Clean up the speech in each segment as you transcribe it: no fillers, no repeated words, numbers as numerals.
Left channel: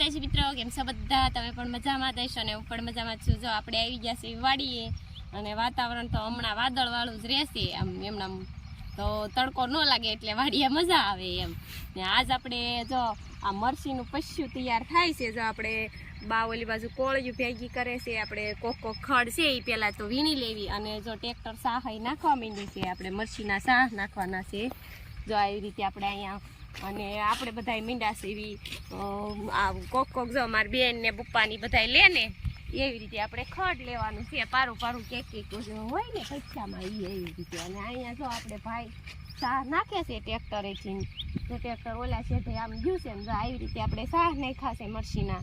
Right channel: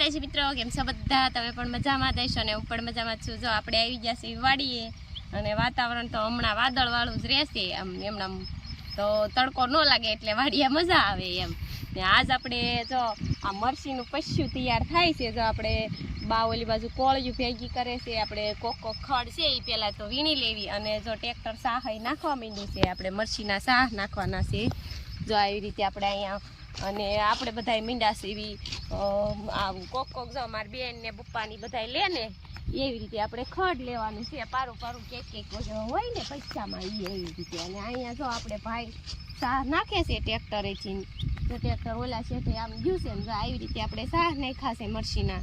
માતાજી મિત્રો, કેમ છો બધા? તમે પણ મજામાં દેશો ને હું પણ મજામાં છું. જો આપણે આવી ગયા છીએ વાડીએ અને વાતાવરણ તો હમણાં વાદળવાળું જ રહેશે. આમ એમણામ તો તડકો ન લાગે એટલે વાડીએ મજા આવે એમ. ને આજ આપણે જો આ મરસીનું પસ્યું તૈયાર થાય છે. જો આપણે બાવલી બાજુ કોળિયું ભેગી કરે છે. આપણે કોક ખડ છે એ પહેલાં તો વીણી લેવી અને જો ટ્રેક્ટર સાહ નાખવા માંડી છે. આપણે મરસીના સાહ નાખવાના છે. જો આવી રીતે આપણે અહીંયા અને આપણે બધા મીંડા સેવી કોક જો મારી બેન ને પપ્પાની બધા લે ને એવી રીતે આપણે ખડ લેવાનું છે. પારું પારું કેક હોય ને પૈસામાં એવી રીતે. અને અહીંયા જો આપણે ભાઈ સાહ નાખે છે ટ્રેક્ટરેથી. તો ટ્રેક્ટર ઓલા છે તે આમ ગયું છે ને જો આવી રીતે આપણે સાહ નાખ્યા છે મરસીના.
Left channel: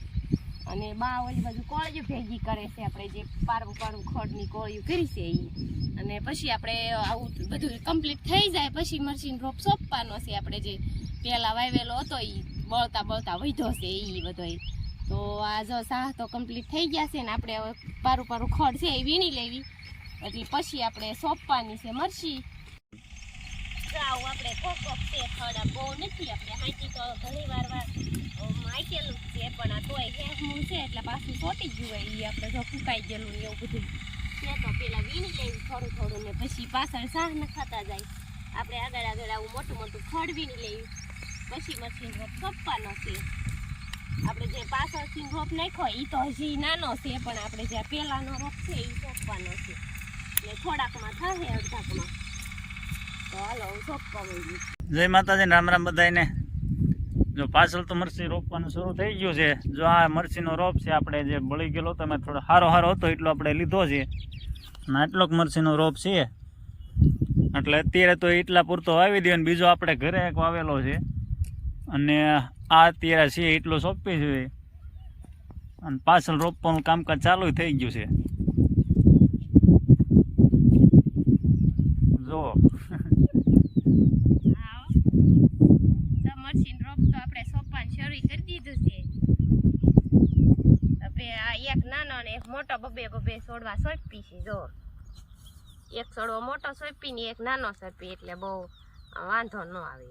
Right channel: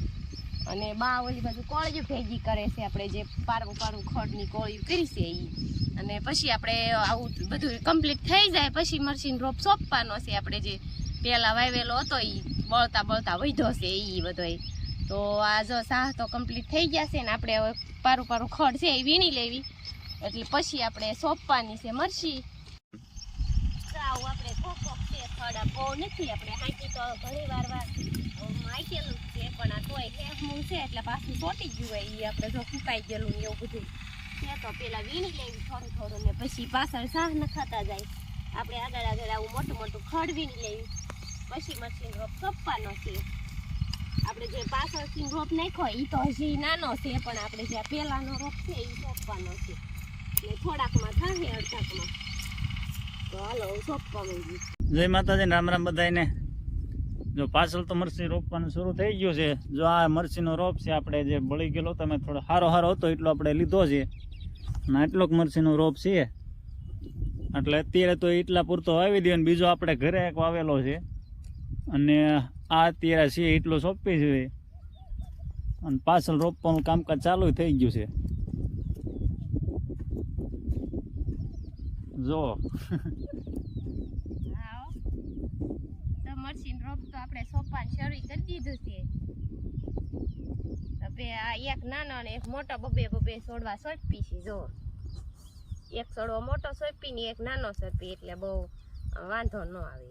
અને બા ઓલી બાજુ કોળિયું ભેગી કરે છે. આપણે જે પારું પારું ખડની કોળિયું કરી છે એ. અને પછી આપણે આવું બધું કમ્પ્લીટ થઈ જાય પછી મરસીનો રોપ સોંપવાનો છે. આપણે જે પેલા વાવેલો હતો એ બળતા બળતા વધ્યો છે એ બધો. તો આ જો સાહ તો કમ્પ્લીટ થઈ ગયા છે ને આપણે હવે પારું પારું ખડ છે એ વીણી લેવી એટલે પછી આપણે સોંપવાની છે મરસી. આવું આપણે કોક છે ખડ બહુ નથી. આપણે હાંચી તો ઘણી વાર માખેલું છે પણ આ તોય હેમું છે એટલે પાછું ચોટી ગયું હોય એ. આપણે જો ફૂંકાઈ ગયેલું ને એવું બધું છે તો પેલા વીણી લેવી થોડું થોડું ને પછી પાછળ સાહ નખાતા જાય. આપણે આગળ આગળ આવું મોટું મોટું ખડ વીણી લેવી પછી મરસીનો રોપ સોંપવાનો છે. આપણે જે પાછળથી રોપ નાખ્યો એ તો હજી નાનો છે પણ આપણે જે પહેલાનો રોપ છે એ સોંપવાનો છે. એટલે થોડાકમાં થશે અડધાકમાં. તો હાલો હું સોંપવા માંગુ. જય માતાજી, રામ રામ બધાને. જો પાછળ તો મરસી રોપવાનું શરૂ થઈ ગયું છે. જો આ મરસીનો રોપ છે આપણે જે બળી ગયેલો તમે થોડો સારો હતો એટલો આપણે લીધો છે અને આટલો જ મરસીનો રોપ છે. એટલે અત્યારે તો એટલા પૂરતો વાવી દે. અને બીજો આપણે ઘરે એક વાવેલો છે અને આ અત્યારે છે એટલો સોંપી છે અને પાછળ રોપવાનું કામકાજ ચાલુ થઈ ગયું છે. જો મરસીનો રોપ તો આપણે સોંપવાનું શરૂ કરી દીધું છે. હવે આ એક નાનો ને એક મોટો બબે બબે છોડવા સોંપી છે. જો એક છોડવો મોટો સોંપી ને એક નાનો સોંપી એટલે બહુ વાંધો ન આવે.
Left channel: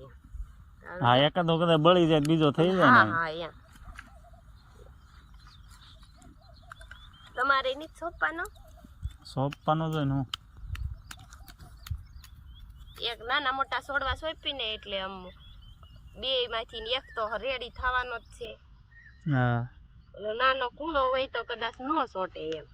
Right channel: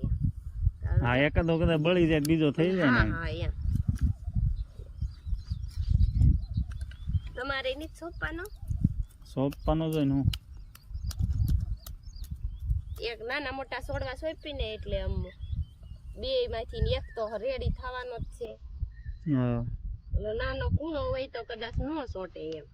હા, એકાદો કદાચ બળી જાય બીજો થઈ જાય. હા હા એમ. તમારે નહીં સોંપવાનો જ હોય ને. એક નાના મોટા છોડવા સોંપીને એટલે આમ બે માંથી એક તો રેડી થવાનો જ છે. હા, નાનો કૂણો હોય તો કદાચ ન સોટે એમ.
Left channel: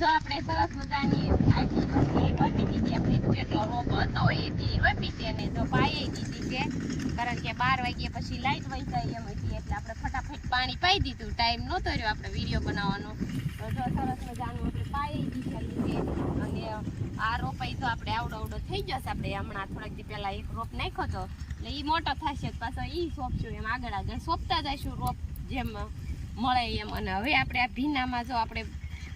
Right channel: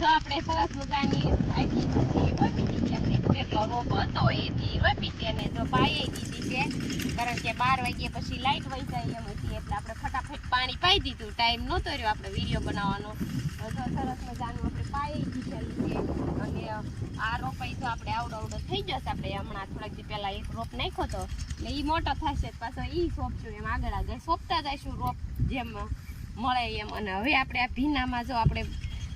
જો આપણે સરસ મજાની કેટલો રોપ હતો એથી રોપી છે ને તો પાઈ દીધી છે. કારણ કે 12 વાગ્યા પછી લાઈટ વહી જાય એમ હતી એટલે આપણે ફટાફટ પાણી પાઈ દીધું. ટાઈમ નહોતો રહ્યો આપણે વિડીયો બનાવવાનો. તો જો સરસ મજાનું આપણે પાઈ દીધેલું છે. અને આ રોપાઈ તો આપણે આવડો થઈ જશે. આપણે હમણાં થોડાક દી પહેલા એક રોપ નાખ્યો હતો એટલે એ મોટો થશે પાછો એ સોંપશું. એમ આગળ આગળ સોંપતા જઈશું રોપ જેમ મળે એમ. અને હવે આપણે આ ભીનામાં જો આપણે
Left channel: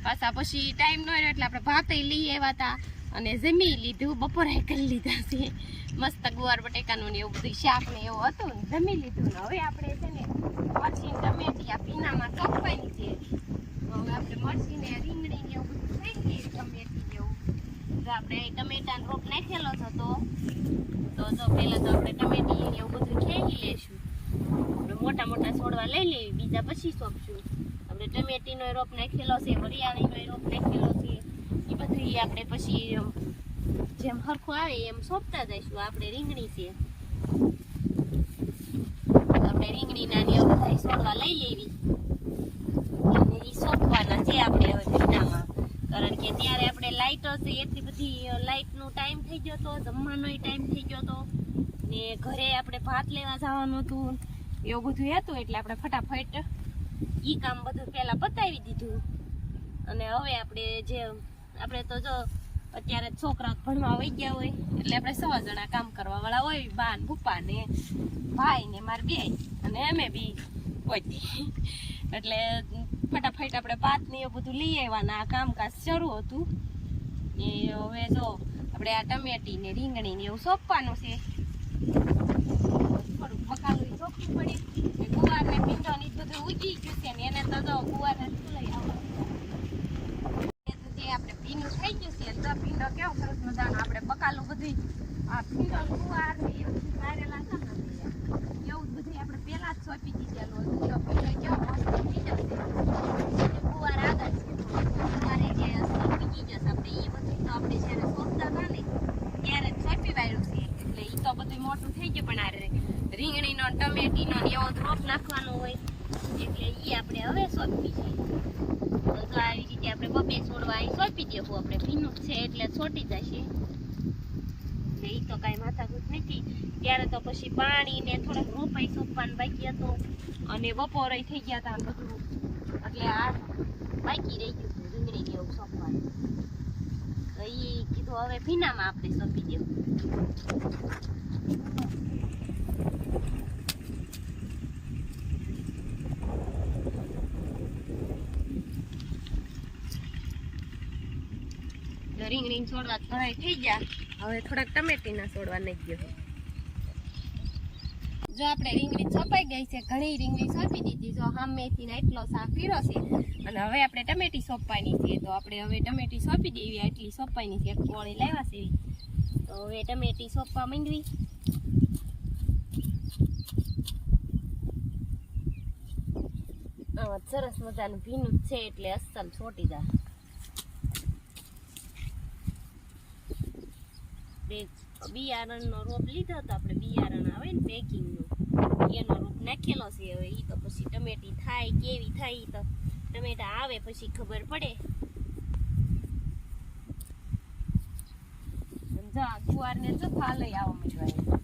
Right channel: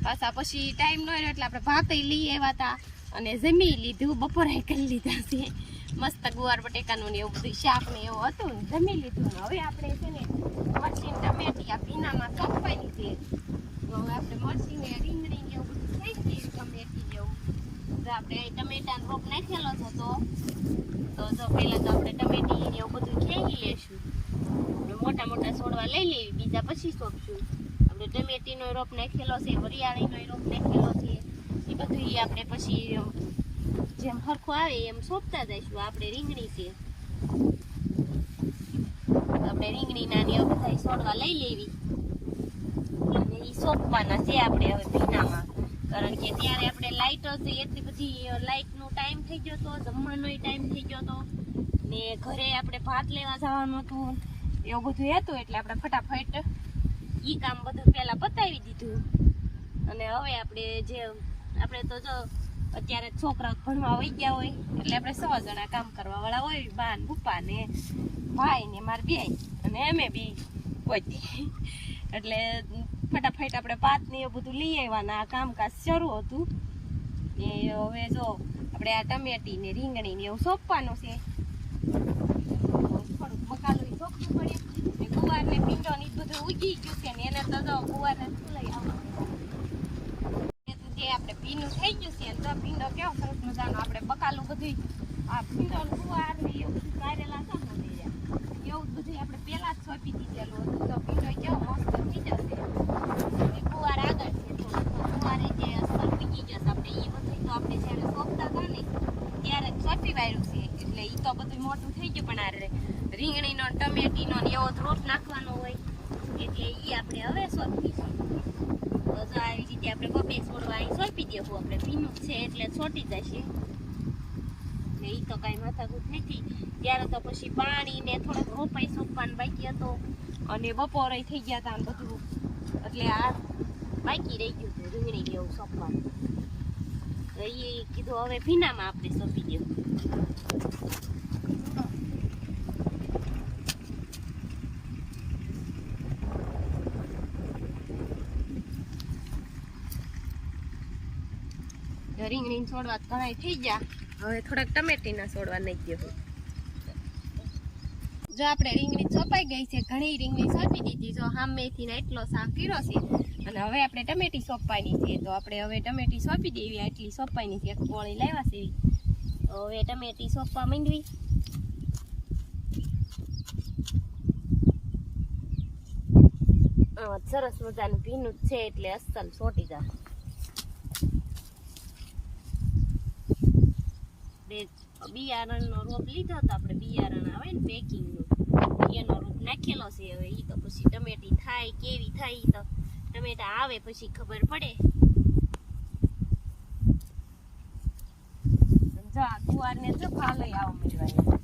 પાછા પછી ટાઈમ ન રહ્યો એટલે આપણે ભાતે લઈ આવ્યા હતા અને જમી લીધું. બપોરે કરી લીધા છે મસ્ત ગુવાર બટેકાનું ને એવું બધું શાક ને એવું હતું ને જમી લીધું. ને હવે આપણે છે ને મરચી ટમેટી આ ભીનામાં સોંપવાની છે. તો હવે આપણે મરચી ને રીંગણી ને એવું બધું થઈ ગયું. ટમેટી ને એવું તો આપણે ટમેટાનો રોપ નાખેલો હતો તો જો પહેલાં તો આપણે ટમેટી ને એવું બધું ખેંચી લેશું. આપણે મોટા મોટા છોડવા લઈ લેવી બીજા પછી સોંપશું. આપણે ટમેટીનો રોપ નાખેલો છે, વરિયાળીનો રોપ નાખેલો છે. એ બધું આપણે પછી જેમ સરખું આવે એમ સોંપતા જઈશું. આપણે રીંગણી છે આપણે રીંગણીના ને બધા છોડવા લઈ લેવી અને એ સોંપવાના છે આપણે હવે ભીનામાં. કારણ કે ત્યારે આપણે લાઇટો છે એટલી બધી લાઇટનો ટાઈમ થઈ ગયો હતો, જમવાનો ટાઈમ થઈ ગયો હતો ને ઘરે આપણે ભાત લેવા જવાનું હતું એવું બધું હતું એટલે આપણે ફટાફટ ઈ કામ બધું પહેલા પતાવી દીધું. અને હવે આપણે તો જો અત્યારે છોકરાઓ ભણવા વહી ગયા હોય એટલે આપણે 6 જણા કામ કરવા વાળા હોય, બા ને ભૂપા ને ભાઈ ને માર બે અને અમે બી પહોંચી એટલે ફટાફટ આપણે પાત ને એવું બધું લઈ આવવાના. આ કામકાજ શરૂ હતું એ હવે જો આપણે આ ટમેટી ને રીંગણી ને એવું સોંપવાનું છે. થોડુંક બકાલું સોંપવું પડે. ગુવાર ને પીંડો ને બધું ઉગી ગયું છે ને એને તો જો ગુવાર ને લઈ આવવા આપણે ભીનું થઈ ગયું છે. તો પીંડો કેવો સરસ મજાનો આપણે બકાલું બધું આ પીંડો ગુવાર ને એવું બધું કાઢેલા હતા ને એવું બધું આપણે પેલા જ સોંપી દીધેલું હતું. તો પીંડો કેવો મસ્ત પીંડો છે. ગુવાર આગળ છે તો ગુવારે જે અસર પીકી જશે આપણે એ બધું તો આપણે જ્યારે સોંપતા હતા ને ત્યારે જ સોંપી વાળ્યું છે એટલે એ તો બધું મોટું થઈ ગયું. પણ આ રીંગણીનો ટમેટીનો ને એવો રોપ નાખવાનો હોય એટલે એ આપણે હવે સોંપી છે. તો આવી રીતે આપણે બબે છોડવા અહીં સોંપી દેવું. આપણે ભીનું છે એટલે છોટી જશે એટલે એ તો કાંઈ માથાકૂટ નથી. ત્યારે તો પછી પાણી ને થોડાક રોપાઈ સોંપવાનું બાકી હતો અને બપોરે થઈ ગયા હતા બધું એટલે આ બાકી રહી ગયું હતું રીંગણી ને એવું સોંપવાનું. તો એ કીધું હવે ભીનામાં આપણે સોંપી દેવું. રીંગણી છોડવા ઘણા થઈ ગયા. હવે થોડાક ટમેટીના છોડવા નાખી દો. જો આપણે રીંગણી છપાઈ ગઈ છે, ઘણી રીંગણી સોંપી દીધી. જો સામેથી એટલો સાફ કર્યો છે અને હવે આપણે ટમેટી સોંપવાની છે. તો આપણે હવે ટમેટી સોંપી દેવી. એટલી સોંપવાની છે, એક ગોળી લાવ્યા છે તો હવે ટમેટી સોંપવા માંડવી. સરસ મજાનું ભીનું છે એટલે અસલ છોટી જાય. બિયારણનો રોપ લીધો તો આપણે બિયારણ આવે ને પેકિંગનું એનો રોપ નાખેલો છે. હવે એ તો પછી ટમેટી થાય કેવી થાય ઈ તો ટમેટા આવે પછી ખબર પડે. જો આ ગુવારને જો ફાલઈ આવવા માંડ્યા.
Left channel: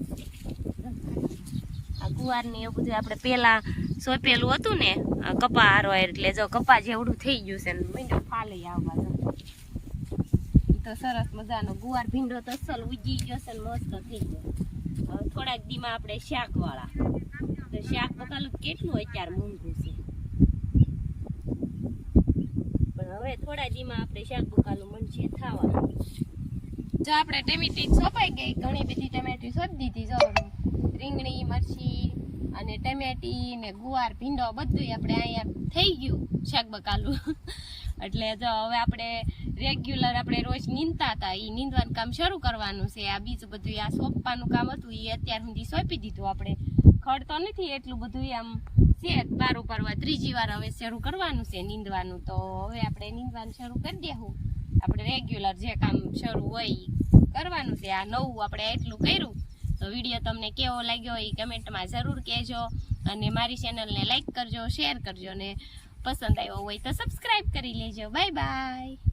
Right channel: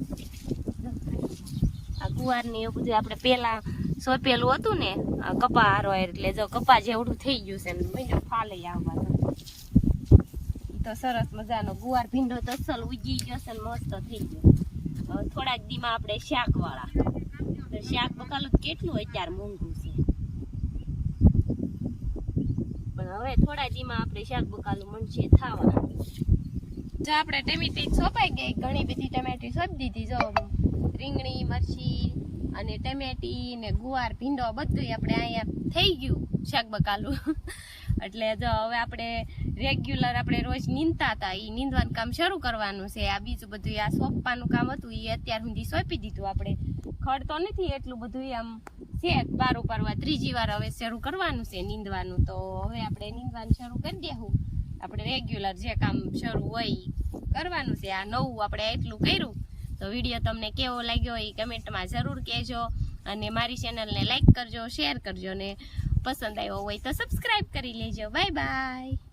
આ ગુવારને એવું બધું આપણે પેલા સોંપેલું હતું ને કપા હારવા એટલે જો કપા જેવડું થઈ ગયું છે ને માંડ્યો ફાલઈ આવવા. તો સરસ મજાનો ગુવાર ભીંડો તો અસલ ઉગી ગયો છે ને મસ્ત થઈ ગયો. હવે થોડાક દીમાં આપણે શાક વાળા તો શાક બકાલું કેટલું અત્યારે મોંઘું છે પણ હવે થોડા દીમાં આપણે શાક બકાલું મનશે થવા. જો આપણે ટમેટી સોંપાઈ ગઈ, ઘણી બધી ટમેટી સોંપી દીધી. જો રીંગણી મરચી અને ટમેટી ને ગુવાર ભીંડો બધું આપણે અહીંયા થઈ ગયું શાક બકાલું. એટલે જો હવે આપણે રેગ્યુલર આપણે રોજ નીંદતા હતા એ નીંદવાનું કામ શરૂ કરવાનું છે. આ બીજું બધું આ સોંપવાનું કામ હતું એ અત્યાર સુધી સોંપી દીધું. આપણે ખડ તો નથી એટલું બધું આમ છે વારો કરવા ત્રીજી વાર હવે શરૂ કરવાનું છે નીંદવાનું. તો હવે આપણે નીંદવાનું શરૂ કરી દેવું. આપણે રેગ્યુલર જે કામ શરૂ હોય કરવાનું છે. આ નવું આપણે એટલું કર્યું. તો વિડીયો તમને કેવો લાગ્યો એ કમેન્ટમાં જરૂર કહેજો અને મારી ચેનલને લાઈક કરજો, શેર કરજો અને પસંદ આવ્યો હોય તો સબસ્ક્રાઈબ કરી લેજો. Bye bye.